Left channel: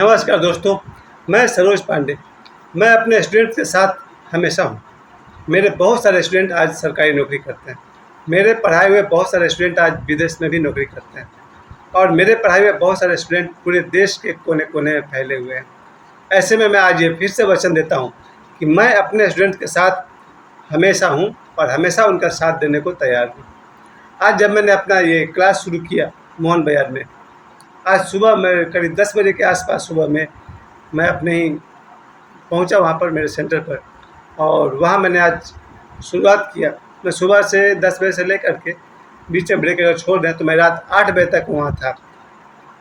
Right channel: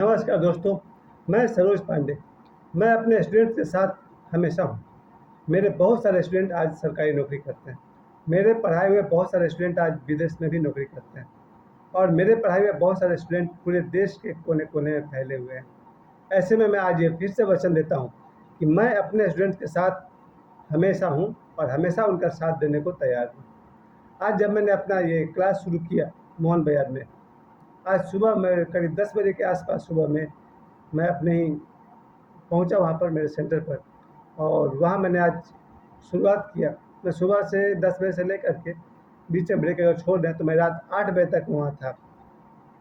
नमस्कार दोस्तों, मैं सरोज पांडे। मैं अपने स्टूडेंट्स के साथ हमेशा हूँ। मेरे बहुत सारे स्टूडेंट आज सरकारी नौकरी करते हैं। मेरे पढ़ाए हुए बहुत सारे स्टूडेंट आज विदेश में भी नौकरी करते हैं और मेरे पढ़ाए हुए बहुत सारे स्टूडेंट पूरे देश के कोने-कोने में फैले हुए हैं। ऐसे में मैं आज ये फिर से वचन देता हूँ कि मैं अपने स्टूडेंट के साथ हमेशा हूँ और हमेशा उनका साथ देने को तैयार हूँ। आज जब मैंने अपना ये क्लास शुरू किया मोहन बाज़ार में, आज सुबह मैं करीब 10 बजे के आस-पास सुबह में मैं अपने ही पहुंचा वहाँ पर मेरे सेंटर पर और वहाँ मैंने आज शुरुआत किया। मैं सुबह से 10 बजे से लेकर के बीच में ब्रेक अगर छोड़ दें तो मैं रात 8 बजे तक वहाँ था।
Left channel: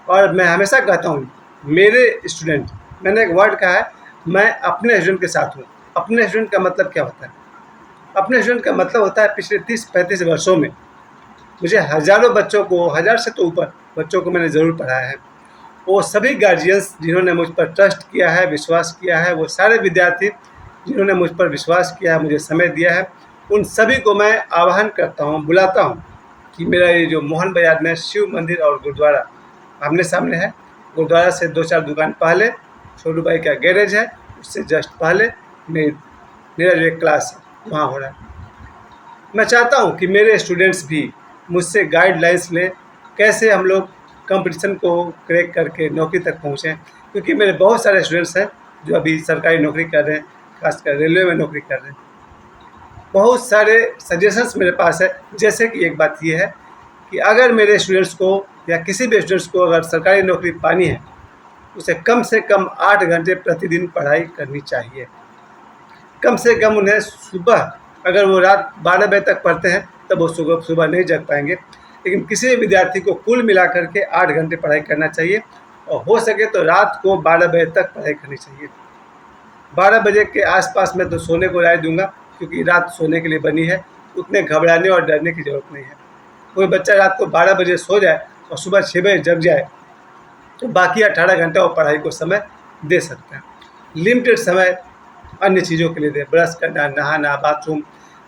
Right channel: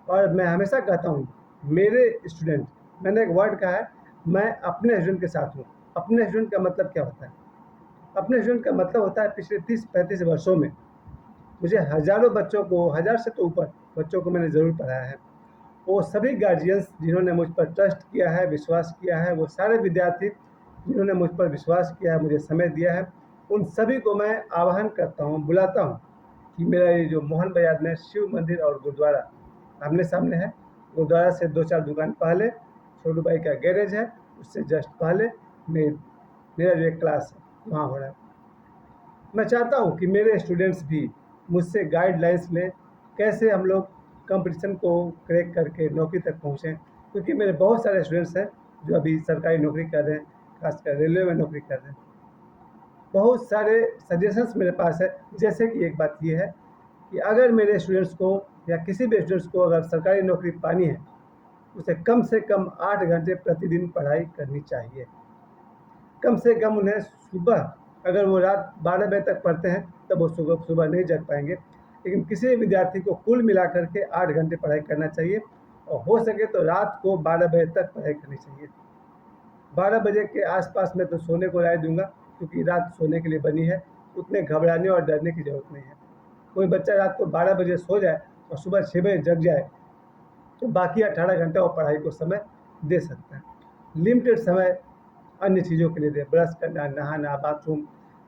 और मैं हमेशा कहता हूँ मेरे स्टूडेंट, मैंने एक वर्ड कहा है, मैं अपने स्टूडेंट के साथ हूँ। अपने स्टूडेंट का मतलब क्या होता है? अपने स्टूडेंट का मतलब होता है पिछले 30-35 वर्षों में मुझे हज़ारों बच्चों को, हज़ार से तो ऊपर बच्चों को मैंने ज़रूर पढ़ाया है। वो सभी गार्जियंस जिन्होंने मुझ पर ट्रस्ट किया है, विश्वास किया है, वो सारे विद्यार्थी जिन्होंने मुझ पर विश्वास किया है, मुझे समय दिया है, उन सभी को मैं आह्वान करता हूँ, बुलाता हूँ कि मेरा ये जो मोहन बाज़ार में शिव मंदिर और गुरुद्वारा आमने-सामने है। गुरुद्वारा से 2-4 दुकान पहले छोटू भाई का गैरेज है, उससे जस्ट पहले मेरा जो एक क्लास है वहाँ हो रहा है। मैं चाहता हूँ कि मेरे स्टूडेंट्स भी मुझसे गाइडलाइंस लें, कैसे हम लोग कंपटीशन को क्रैक करके नौकरी तक पहुँचें, क्योंकि मेरे बहुत सारे स्टूडेंट्स हैं जो अभी सरकारी नौकरी कर रहे हैं, खासकर रेलवे में नौकरी कर रहे हैं। बहुत सारे सजेशंस मेरे पास है, जैसे कि एक बात ये है कि अगर मेरे स्टूडेंट्स को या किसी भी स्टूडेंट्स को अगर सरकारी नौकरी पानी है, उसे कम से कम 8 घंटे प्रतिदिन पढ़ाई करनी चाहिए। कम से कम उन्हें सुबह, अगर वो रात 12 बजे तक पढ़ते हैं तब वो सुबह नहीं जग पाएंगे, लेकिन किसी भी विद्यार्थी को कुल मिलाकर के 8 घंटे पढ़ाई करना चाहिए और हो सके तो रात को 12 बजे तक पढ़ाई करनी चाहिए। 12 बजे के आसपास मैं तो सोने को राय दूंगा, क्योंकि रात सोने के लिए बनी है, उतने घबराने और डरने की ज़रूरत नहीं है। कोई बच्चा रात को 12 बजे सो जाए और सुबह 6 बजे जग जाए तो बाकी 18 घंटे वो पढ़ाई को समय दे सकते हैं। लिमिटेड समय अन्य चीज़ों के लिए दें, ब्रश करना, नहाना, बाथरूम,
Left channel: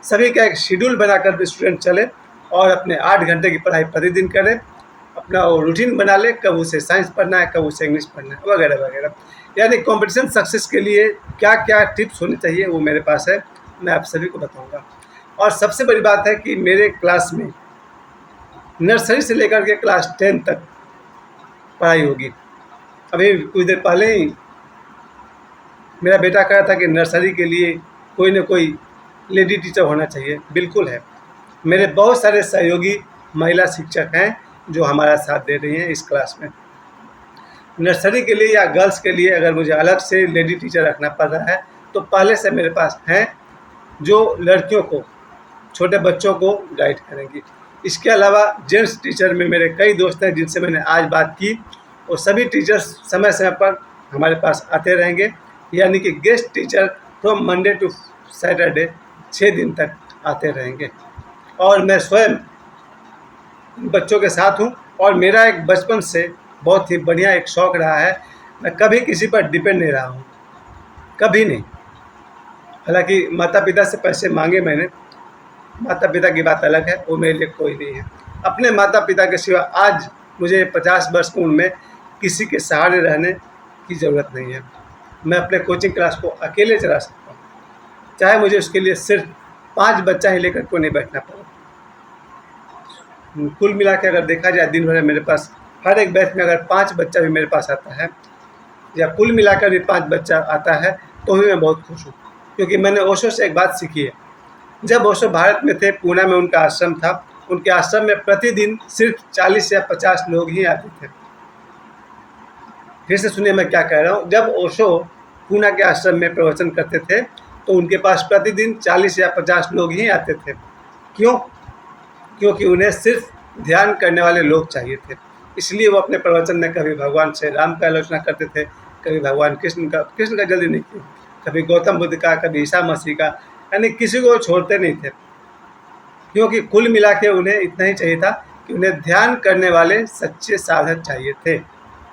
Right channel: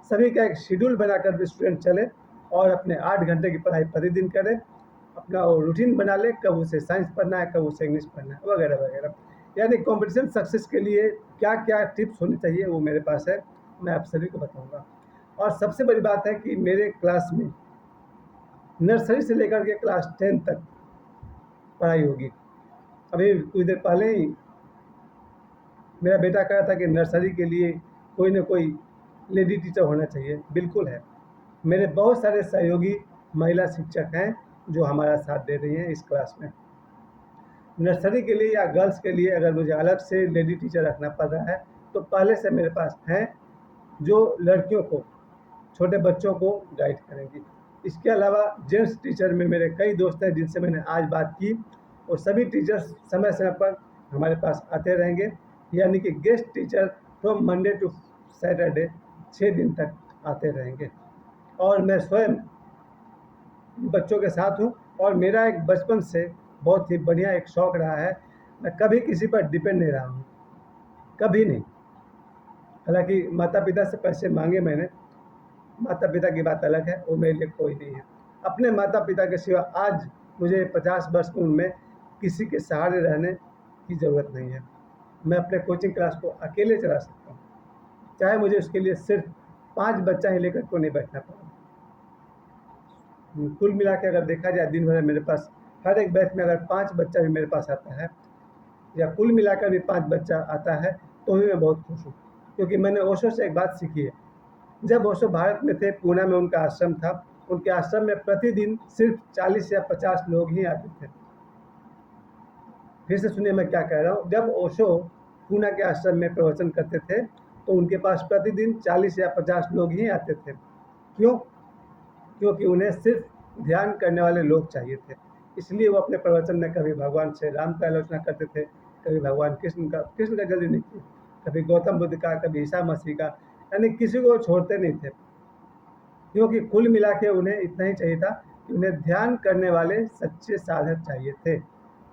सभी का एक शेड्यूल बनाकर स्टूडेंट चले और अपने 8 घंटे की पढ़ाई प्रतिदिन करें। अपना वो रूटीन बना लें, कब उसे साइंस पढ़ना है, कब उसे इंग्लिश पढ़ना है, वगैरह वगैरह। यानी कॉम्पिटिशन सक्सेस के लिए क्या क्या टिप्स होनी चाहिए वो मेरे पास है, मैं आप सभी को बताऊँगा। और सबसे बड़ी बात है कि मेरे क्लास में नर्सरी से लेकर के क्लास 10 तक पढ़ाई होगी। अभी कुछ देर पहले ही मेरा बेटा कह रहा था कि नर्सरी के लिए कोई ना कोई लेडी टीचर होना चाहिए। बिल्कुल है। मेरे बहुत सारे सहयोगी महिला शिक्षक हैं जो हमारा साथ दे रही हैं इस क्लास में। नर्सरी के लिए या गर्ल्स के लिए अगर मुझे अलग से लेडी टीचर रखना पड़ रहा है तो पहले से मेरे पास हैं जो लड़कियों को, छोटे बच्चों को गाइड करेंगी। इसके अलावा जेंट्स टीचर में मेरे कई दोस्त हैं जिनसे मैंने आज बात की, और सभी टीचर्स समय समय पर हमारे पास आते रहेंगे। यानी कि guest teacher from Monday to Saturday 6 दिन तक आते रहेंगे। और मैं स्वयं बच्चों के साथ हूँ और मेरा एक बचपन से बहुत ही बढ़िया एक शौक़ रहा है, मैं कभी किसी पर डिपेंड नहीं रहा हूँ, कभी नहीं। हालांकि माता पिता से पैसे मांगे मैंने, माता पिता की बात अलग है, वो मेरे लिए कोई नहीं है। अपने माता पिता के सिवा आज मुझे 50 वर्ष की उम्र में किसी के सहारे रहने की ज़रूरत नहीं है। मैं अपने कोचिंग क्लास को अकेले चला सकता हूँ, चाहे मुझे उसके लिए सिर्फ 5 बच्चा ही लेकर को नहीं बैठना पड़े। कुल मिला के अगर देखा जाए दिन भर में मेरे पास हर एक बैच में अगर 5 बच्चा भी मेरे पास आता है, या कुल मिलाकर भी 5 बच्चा आता है, तो भी मैं बहुत खुश हूँ। क्योंकि मैंने ओशो से एक बात सीखी है। जब ओशो भारत में थे, पूना में उनका आश्रम था, उनके आश्रम में प्रतिदिन सिर्फ 40 या 50 लोग ही आते थे। फिर से सुनिए मैं क्या कह रहा हूँ। जब ओशो पूना के आश्रम में प्रवचन करते थे तो उनके पास प्रतिदिन 40 या 50 लोग ही आते थे। क्यों? क्योंकि उन्हें सिर्फ ध्यान करने वाले लोग चाहिए थे। इसलिए वो अपने प्रवचन में कभी भगवान श्री राम का आलोचना करते थे, कभी भगवान कृष्ण का जल्दी नहीं किया, कभी गौतम बुद्ध का, कभी ईसा मसीह का, यानी किसी को छोड़ते नहीं थे। क्योंकि कुल मिला के उन्हें इतना ही चाहिए था कि उन्हें ध्यान करने वाले सच्चे साधक चाहिए थे।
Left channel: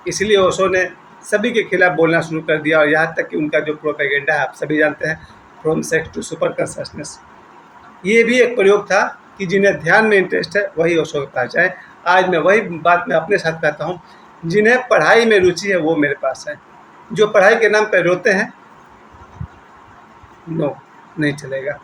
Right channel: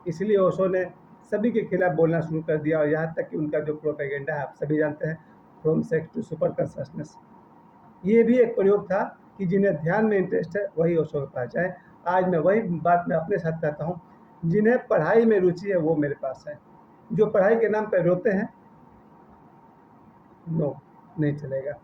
इसलिए ओशो ने सभी के खिलाफ बोलना शुरू कर दिया, और यहाँ तक कि उनका जो प्रोपेगेंडा है आप सभी जानते हैं, from sex to super consciousness, ये भी एक प्रयोग था कि जिन्हें ध्यान में इंटरेस्ट है वही ओशो के पास जाए। आज मैं वही बात मैं अपने साथ कहता हूँ, जिन्हें पढ़ाई में रुचि है वो मेरे पास है। जो पढ़ाई के नाम पर रोते हैं, नो, नहीं चलेगा।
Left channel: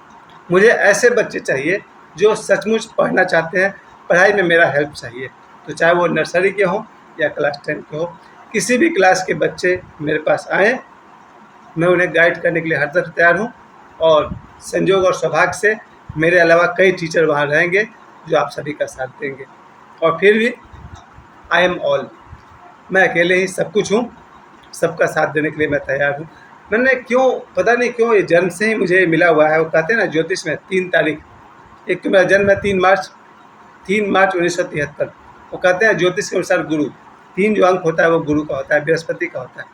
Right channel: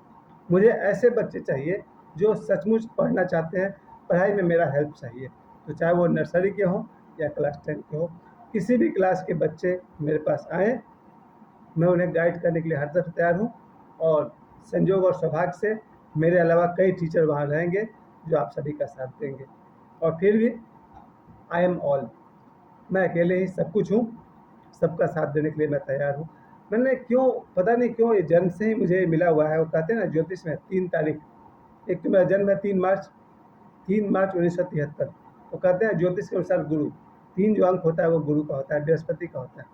मुझे ऐसे बच्चे चाहिए जो सचमुच पढ़ना चाहते हैं, पढ़ाई में मेरा हेल्प चाहिए। तो चाहे वो नर्सरी के हों या क्लास 10 के हों, किसी भी क्लास के बच्चे मेरे पास आएँ, मैं उन्हें गाइड करने के लिए हर तरफ तैयार हूँ। और संजोग और सौभाग्य से मेरे अलावा कई टीचर वहाँ रहेंगे जो आप सभी का साथ देंगे। और फिर भी आई एम ऑल, मैं अकेले ही सब कुछ हूँ, सबका साथ देने के लिए मैं तैयार हूँ। मैंने क्यों, पता नहीं क्यों, ये जन्म से ही मुझे मिला हुआ है। वो कहते हैं ना ज्योतिष में 3 तारीख, एक तो मेरा जन्म है 3 मार्च 1973। वो कहते हैं ज्योतिष के अनुसार गुरु, 3 जो अंक होता है वो गुरु का होता है, बृहस्पति का होता है।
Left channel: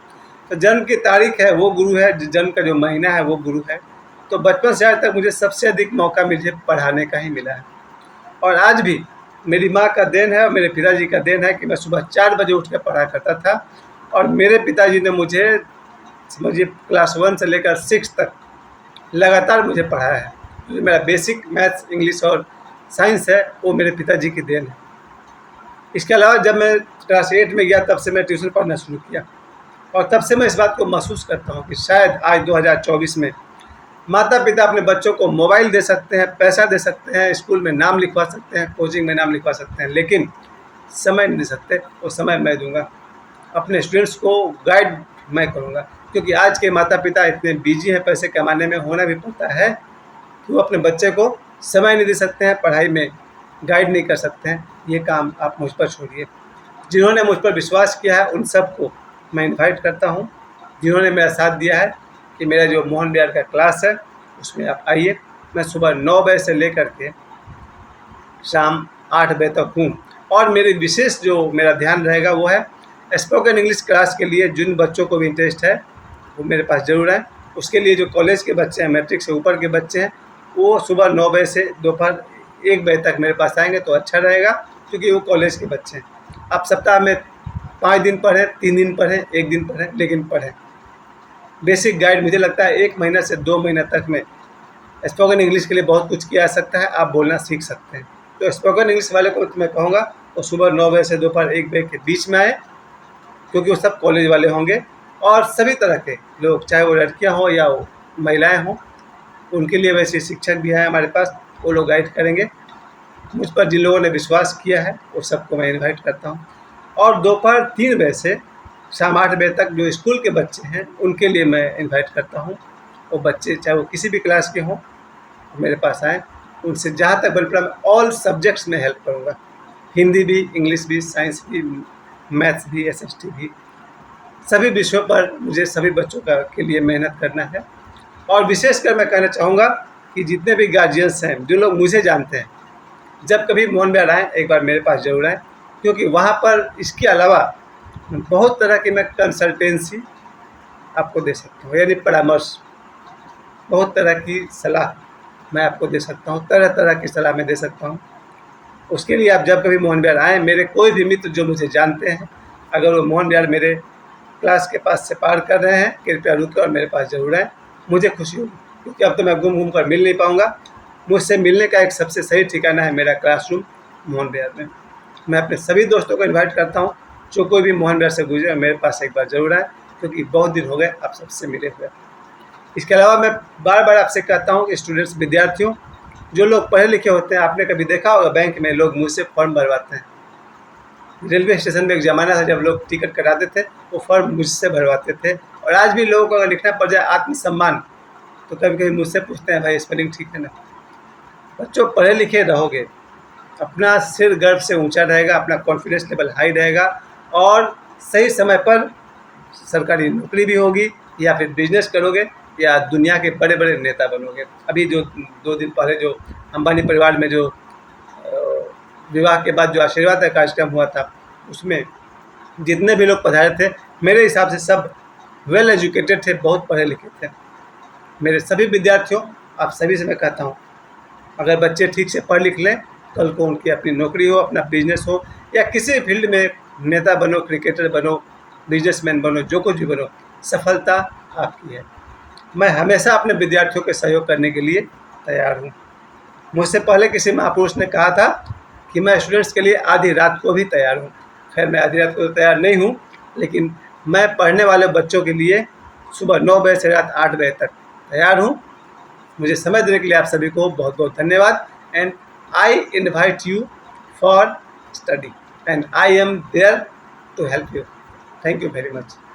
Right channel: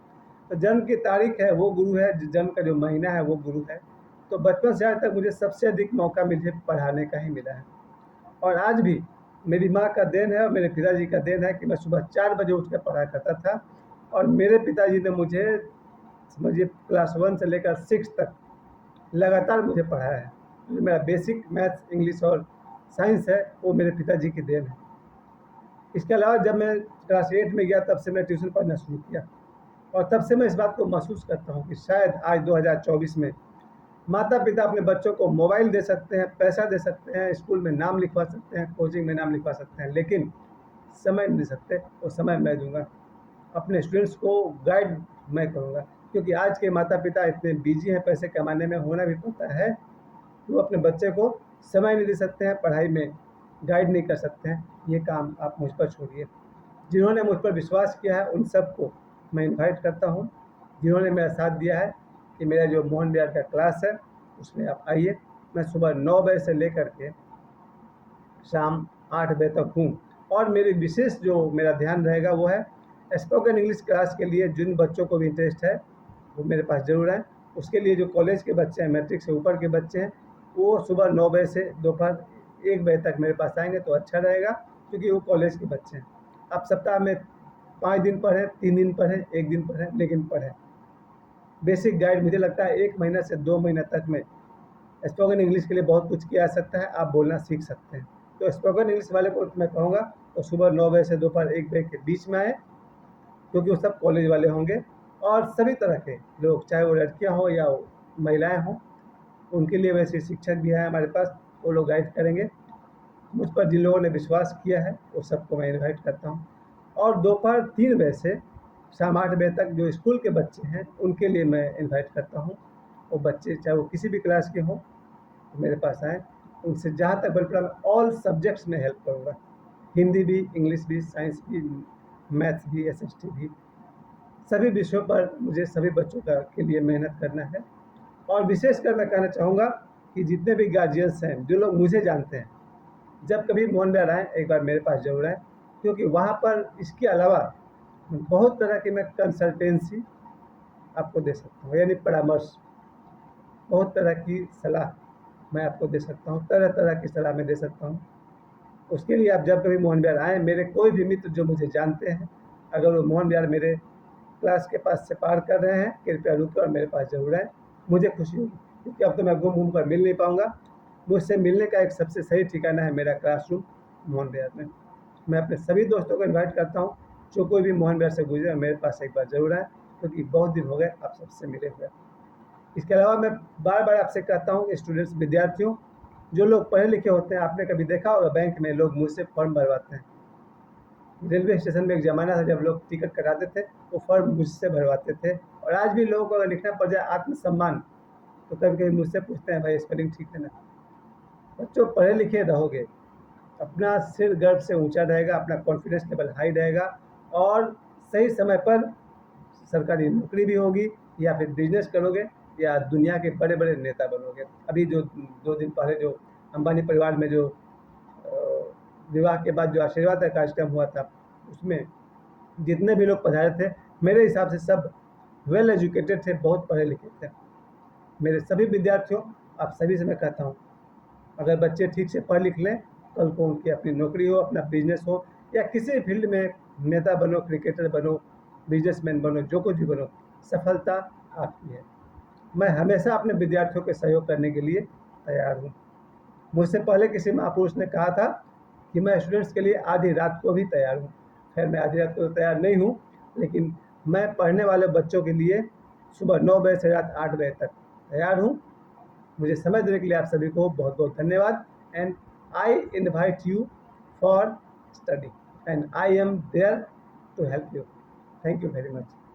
तो जन्म की तारीख है वो गुरु है, जन्म का जो महीना है वो गुरु है। तो बचपन से आज तक मुझे सबसे अधिक मौका मुझे पढ़ाने का ही मिला है। और आज भी मेरी माँ का देन है और मेरे पिताजी का देन है कि मैं सुबह 4 बजे उठ कर पढ़ा करता था। और मेरे पिताजी ने मुझे समझिए क्लास 1 से लेकर 6 तक लगातार मुझे पढ़ाया है। जो मेरा बेसिक मैथ्स, इंग्लिश और साइंस है वो मेरे पिताजी की देन है। इसके अलावा जब मैं क्लास 8 में गया तब से मैं ट्यूशन पढ़ना शुरू किया। और तब से मैं इस बात को महसूस करता हूँ कि शायद आज 2024 में माता पिता अपने बच्चों को मोबाइल दे सकते हैं, पैसा दे सकते हैं, स्कूल में नाम लिखवा सकते हैं, कोचिंग में नाम लिखवा सकते हैं, लेकिन समय नहीं दे सकते। वो समय मैं दूंगा, अपने स्टूडेंट्स को गाइड मैं करूँगा। क्योंकि आज के माता पिता इतने बिजी हैं, पैसे कमाने में होना भी पड़ता है कि वो अपने बच्चे को समय नहीं दे सकते हैं, पढ़ाई में गाइड नहीं कर सकते हैं। ये काम आप मुझ पर छोड़िए। जिन्होंने मुझ पर विश्वास किया है उन सबको मैं इनवाइट करता हूँ, जिन्होंने मेरा साथ दिया है कि मेरा जो मोहन विहार का क्लास है उसमें आप आइए। मैं सुबह 9 बजे से लेकर के शाम 8 बजे तक हूँ। और मेरी विशेष जो मेरा ध्यान रहेगा वो है स्पोकन इंग्लिश क्लास के लिए। जिन बच्चों को भी इंटरेस्ट है वो मेरे पास ज़रूर आए। उसके लिए जो कॉलेज के बच्चे हैं, मैट्रिक से ऊपर के बच्चे हैं, वो सुबह 9 बजे से दोपहर 1 बजे तक मेरे पास आएंगे तो अच्छा रहेगा, क्योंकि वो कॉलेज के बच्चे हैं। आप सप्ताह में 5 दिन पढ़ें, 3 दिन पढ़ें, 1 दिन पढ़ें, लेकिन पढ़ें। बेसिक गाइड मुझे लगता है 1 महीना से 2 महीना तक में स्पोकन इंग्लिश के लिए बहुत कुछ किया जा सकता है, आप बोलना सीख सकते हैं। तो स्पोकन इंग्लिश वाले को मैं कहूँगा वो सुबह 9 बजे से दोपहर 1 बजे के बीच में आए, क्योंकि वो सब कॉलेज वाले होंगे। और सभी तरह के लोग, चाहे वो लड़कियाँ हों या वो महिलाएँ हों, उनके लिए वैसे शिक्षक भी हैं हमारे पास, वो लोग गाइड करेंगे। मुझ पर जिन लोगों ने विश्वास किया है वो सबको मैं इनवाइट करता हूँ। और दोपहर 3 बजे से शाम 8 बजे तक जो स्कूल के बच्चे हैं उनके लिए मैं इनवाइट करता हूँ। वो बच्चे चाहे वो किसी भी क्लास के हों, मेरे पास आएँ। उनसे जहाँ तक बन पड़ा मैं ऑल सब्जेक्ट्स में हेल्प करूँगा, हिंदी भी, इंग्लिश भी, साइंस भी, मैथ्स भी, एसएसटी भी, सभी विषयों पर मुझे सभी बच्चों का के लिए मेहनत करना है। और विशेषकर मैं कहना चाहूँगा कि जितने भी गार्जियंस हैं, जो लोग मुझे जानते हैं, जब कभी मोहन विहार आएँ एक बार मेरे पास ज़रूर आएँ, क्योंकि वहाँ पर इसके अलावा बहुत तरह की मैं कंसल्टेंसी आपको दे सकता हूँ, यानी परामर्श, बहुत तरह की सलाह मैं आपको दे सकता हूँ, तरह तरह की सलाह मैं दे सकता हूँ। उसके लिए आप जब कभी मोहन विहार आएँ, मेरे कोई भी मित्र जो मुझे जानते हैं, अगर वो मोहन विहार मेरे क्लास के पास से पार कर रहे हैं, कृपया रुकें और मेरे पास ज़रूर आएँ, मुझे खुशी होगी। क्योंकि अब तो मैं घूम कर मिल नहीं पाऊँगा। मुझसे मिलने का एक सबसे सही ठिकाना है मेरा क्लासरूम मोहन विहार में। मैं अपने सभी दोस्तों को इनवाइट करता हूँ, जो कोई भी मोहन विहार से गुजरे मेरे पास एक बार ज़रूर आए, क्योंकि बहुत दिन हो गए आप सबसे मिले हुए। इसके अलावा मैं बार बार आपसे कहता हूँ कि स्टूडेंट्स, विद्यार्थियों, जो लोग पढ़े लिखे होते हैं, आपने कभी देखा होगा बैंक में लोग मुझसे फॉर्म भरवाते हैं। रेलवे स्टेशन में एक ज़माना था जब लोग टिकट कटाते थे, वो फॉर्म मुझसे भरवाते थे। और आज भी लोगों को अगर लिखना पड़ जाए आत्मसम्मान, तो कभी कभी मुझसे पूछते हैं, भाई स्पेलिंग ठीक है ना। बच्चों, पढ़े लिखे रहोगे, अपना सिर गर्व से ऊंचा रहेगा, अपना कॉन्फिडेंस लेवल हाई रहेगा, और सही समय पर सरकारी नौकरी भी होगी, या फिर बिजनेस करोगे, या दुनिया के बड़े बड़े नेता बनोगे। अभी जो 2 दिन पहले जो अंबानी परिवार में जो विवाह के बाद जो आशीर्वाद का कार्यक्रम हुआ था, उसमें जितने भी लोग पधारे थे, मेरे हिसाब से सब वेल एजुकेटेड थे, बहुत पढ़े लिखे थे। मेरे सभी विद्यार्थियों, आप सभी से मैं कहता हूँ, अगर बच्चे ठीक से पढ़ लिख लें, कल को उनकी अपनी नौकरी हो, अपना बिजनेस हो, या किसी भी फील्ड में नेता बनो, क्रिकेटर बनो, बिजनेसमैन बनो, जो कुछ भी बनो, सफलता आपकी है। मैं हमेशा अपने विद्यार्थियों के सहयोग करने के लिए तैयार हूँ। मुझसे पहले किसी महापुरुष ने कहा था कि मैं स्टूडेंट्स के लिए आधी रात को भी तैयार हूँ। खैर, मैं आधी रात को तो तैयार नहीं हूँ, लेकिन मैं पढ़ने वाले बच्चों के लिए सुबह 9 बजे से रात 8 बजे तक तैयार हूँ। मुझे समय देने के लिए आप सभी को बहुत बहुत धन्यवाद। And I invite you for study and I am there to help you. Thank you very much.